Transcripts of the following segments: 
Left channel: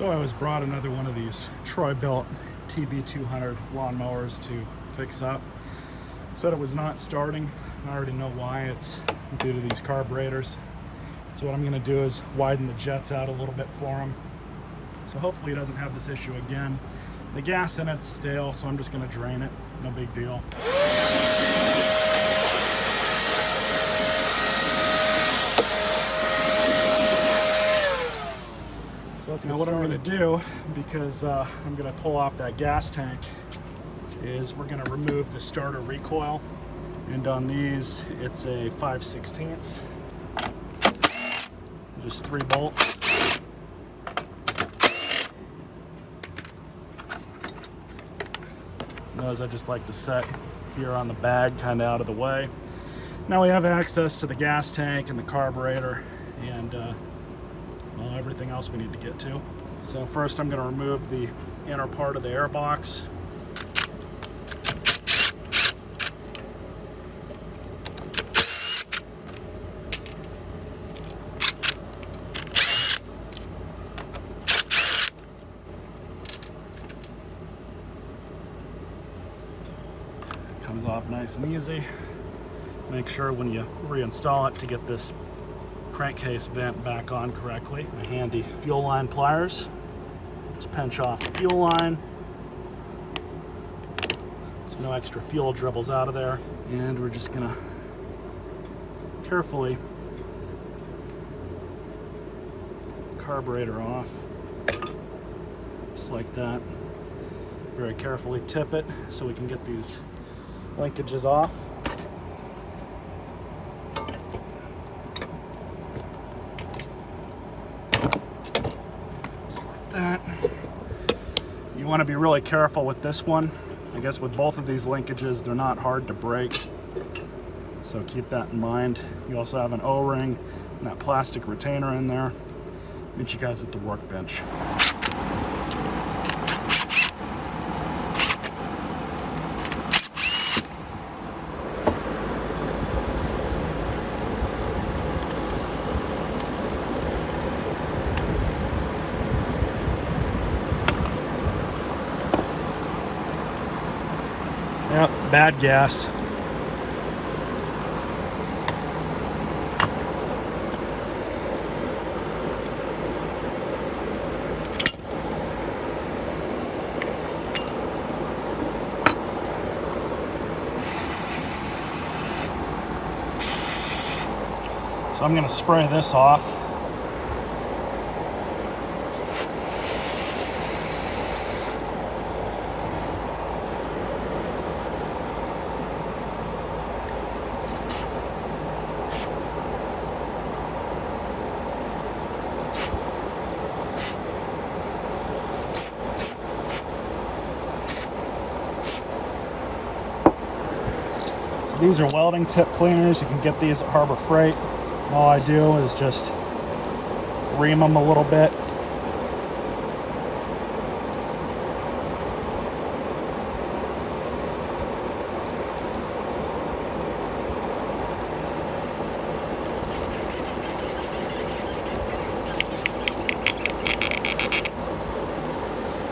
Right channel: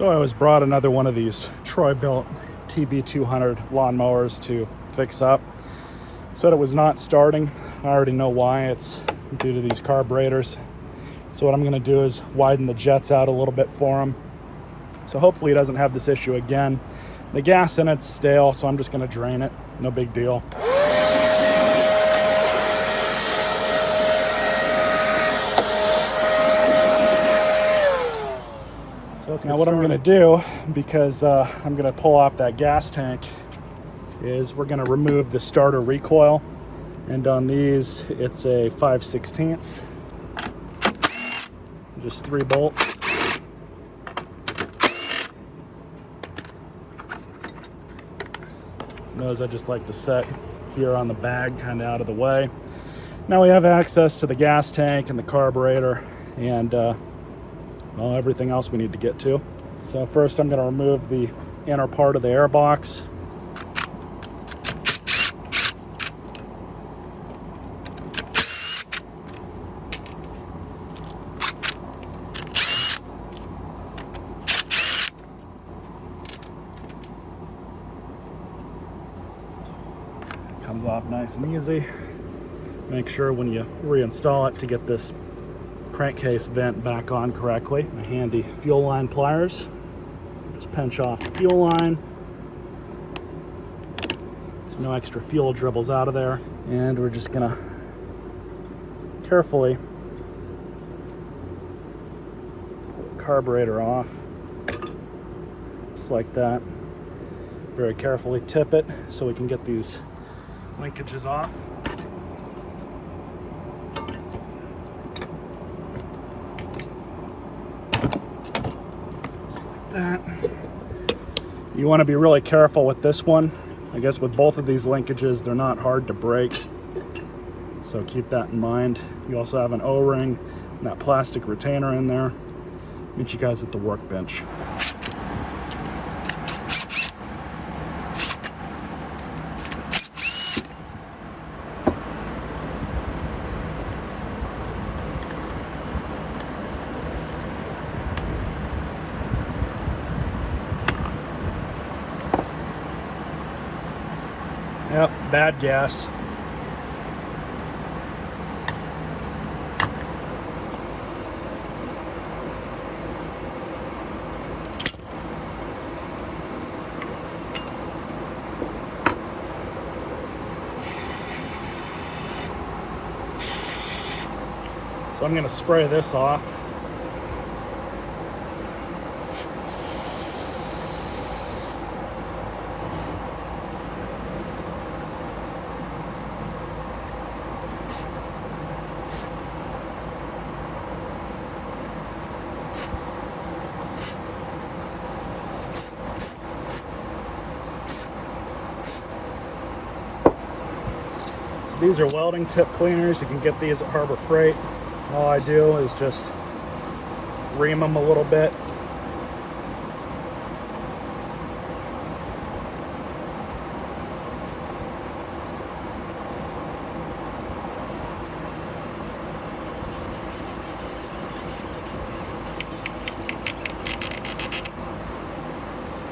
So I was brought another one of these Bilt TB200 lawnmowers to fix up. Said it was not starting. I already know why. It's due to these carburetors. So what I'm going to do is widen the jets out a little bit for him. So hopefully he doesn't have this issue again. The gas in it's stale, so I'm just going to drain it. No big deal. So now what I'm going to do, because I'm going to pull off that gas tank, is we're going to remove the starter recoil. And on these, it's a 5/16. Just 3 bolts. Those I just like to set here on the bag, kind of out of the way. Now we have access to the gas tank and the carburetor and well, everything else we need to get to. So first I'm going to remove the inner part of the airbox. Comes off nice and easy. Make sure when you reinstall it to get this crankcase vent back on correctly. My handy fuel line pliers. Just pinch off the fuel line so no extra fuel dribbles out of there. And we're just gonna carefully pull the carburetor off, just like that. Very carefully tip it so we can get these linkages off. Just like that. You want to be really careful with this one. I guess with both of these linkages, they're not hard to break, so keep that in mind. You also have an O-ring and that plastic retainer in there. Meet you guys at the workbench. Yep, bad gas. So I'm going to spray this off. These are welding tip cleaners. You can get these at Harbor Freight. All I do is just ream them a little bit.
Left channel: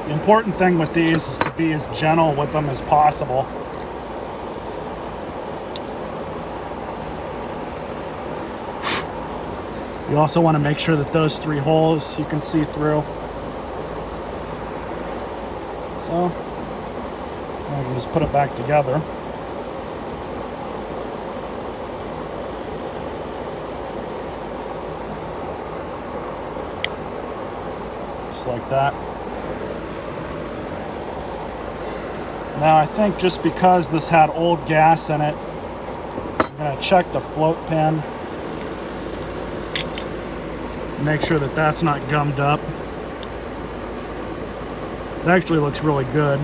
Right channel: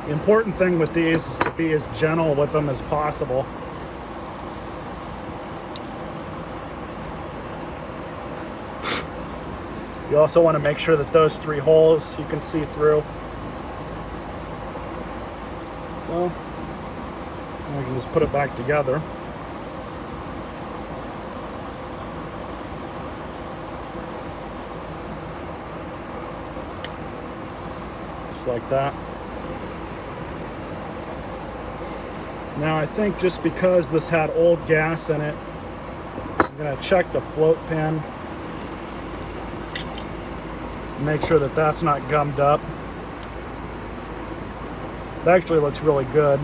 The important thing with these is to be as gentle with them as possible. You also want to make sure that those 3 holes you can see through. So, I can just put it back together. Just like that. Now I think just because this had old gas in it, I'm going to check the float pin. Make sure that that's not gummed up. It actually looks really good.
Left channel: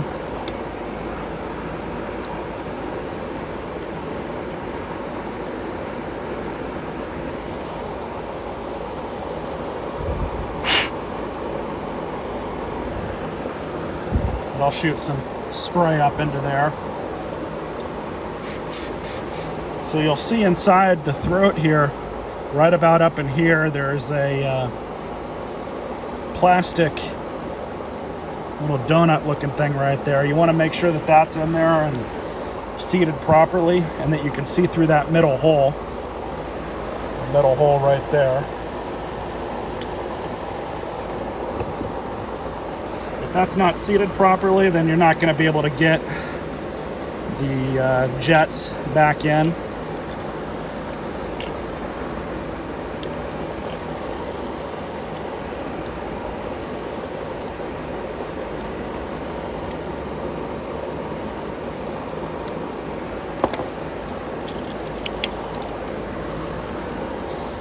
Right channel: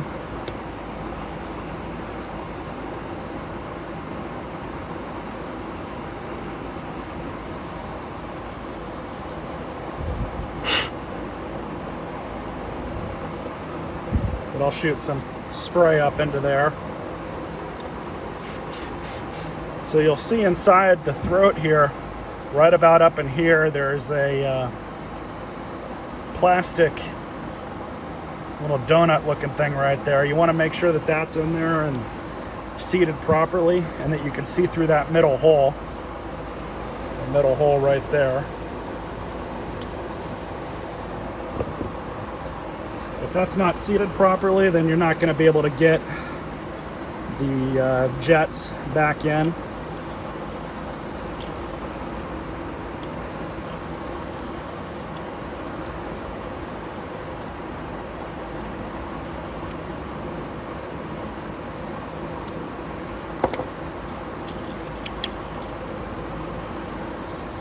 But I'll shoot some spray up into there. So you'll see inside the throat here, right about up in here, there's a plastic little donut looking thing right there. You want to make sure that that's in there and seated properly, and that you can see through that middle hole. The middle hole right there. If that's not seated properly, then you're not going to be able to get the jets back in.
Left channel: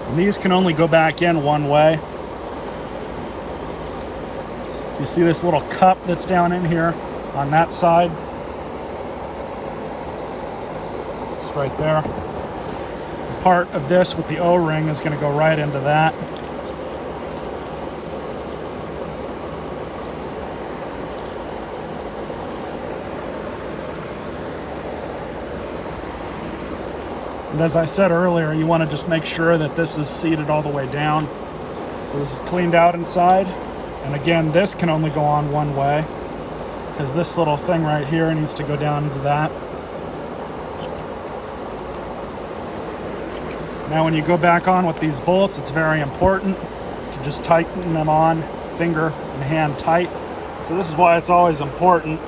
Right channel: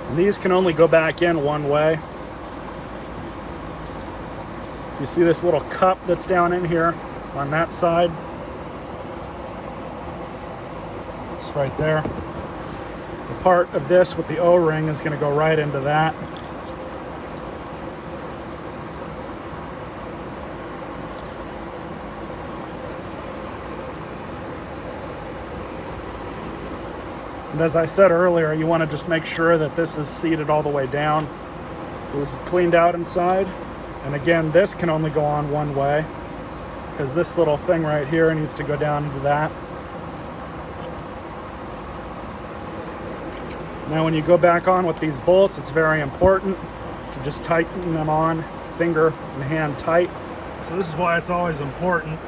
And these can only go back in one way. You see this little cup that's down in here on that side? It's right there. The part of this with the O-ring is going to go right into that. And as I said earlier, you want to just make sure that this is seated all the way down. So this is cleaned out inside. And again, this can only go on one way, because this little thing right here needs to go down into that. Now when you go back on with these bolts, it's very important to just tighten them on, finger and hand tight. So this is why it's always important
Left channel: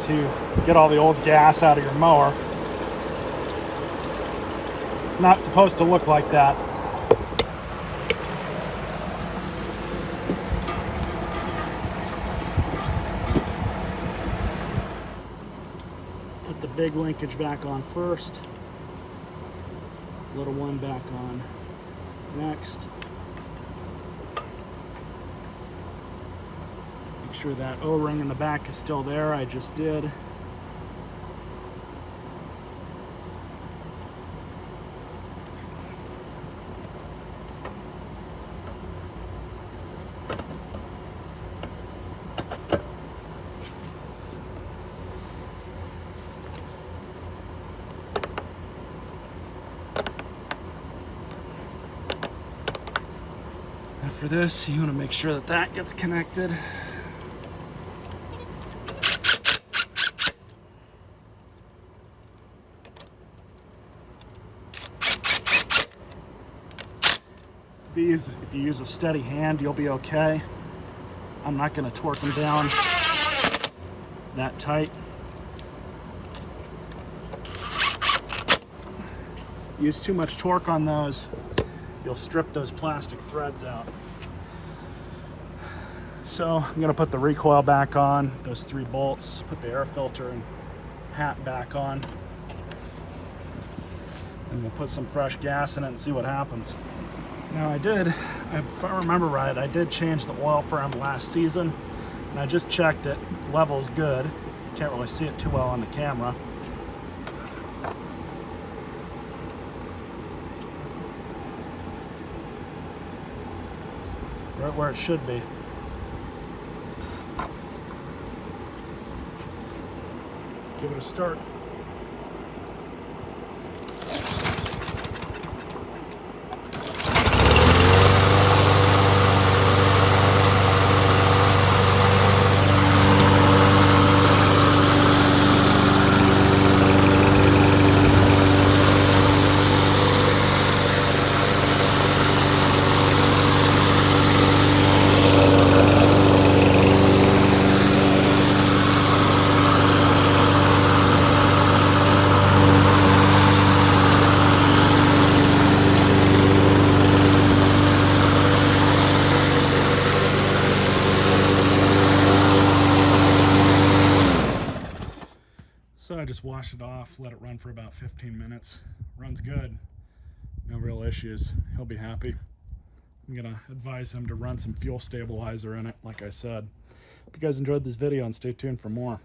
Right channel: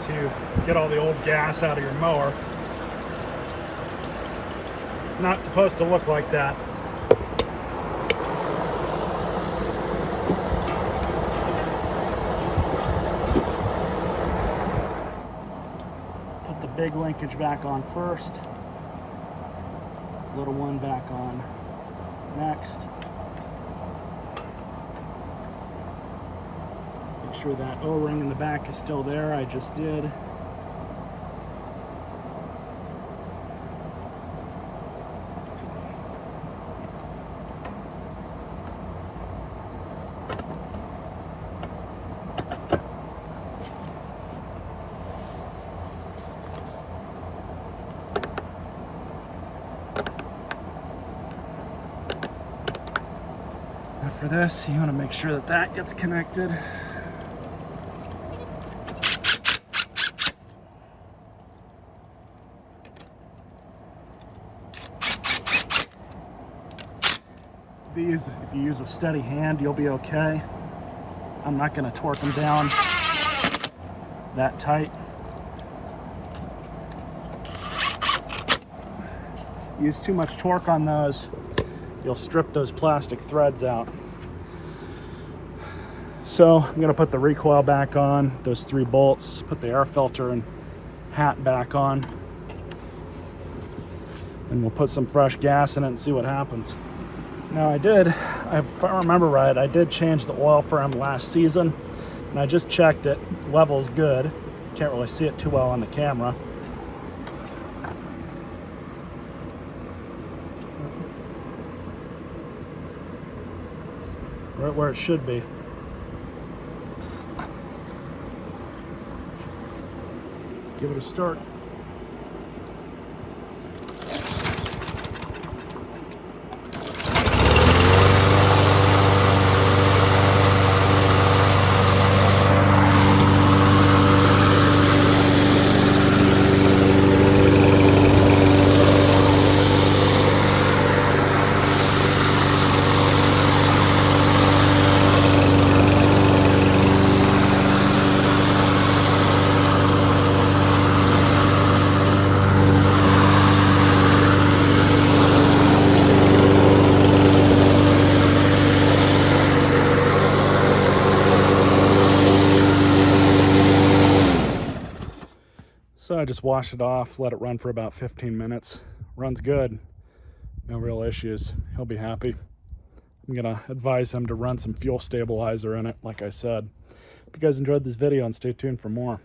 to get all the old gas out of your mower. Not supposed to look like that. Put the big linkage back on first. Little one back on next. Make sure that O-ring in the back is still there. I just did. For this, you want to make sure that that gets connected. These, if you use a steady hand, you'll be okay. I'm not going to torque them down that tight. Use too much torque on those, you'll strip those plastic threads out. So I'm going to put the recoil back on, those 3 bolts, put the air filter and hat back on, and we'll put some fresh gas in it and see what happens. Now if I remember right, I did change the oil for him last season, and I just checked it. Level's good. Can't really see it too well on the camera. Right where it should be. Give it a start. So I just washed it off, let it run for about 15 minutes. Runs good, no real issues. He'll be happy. I'm gonna advise him to run some fuel stabilizer in it, like I said. Hope you guys enjoyed this video and stay tuned for more.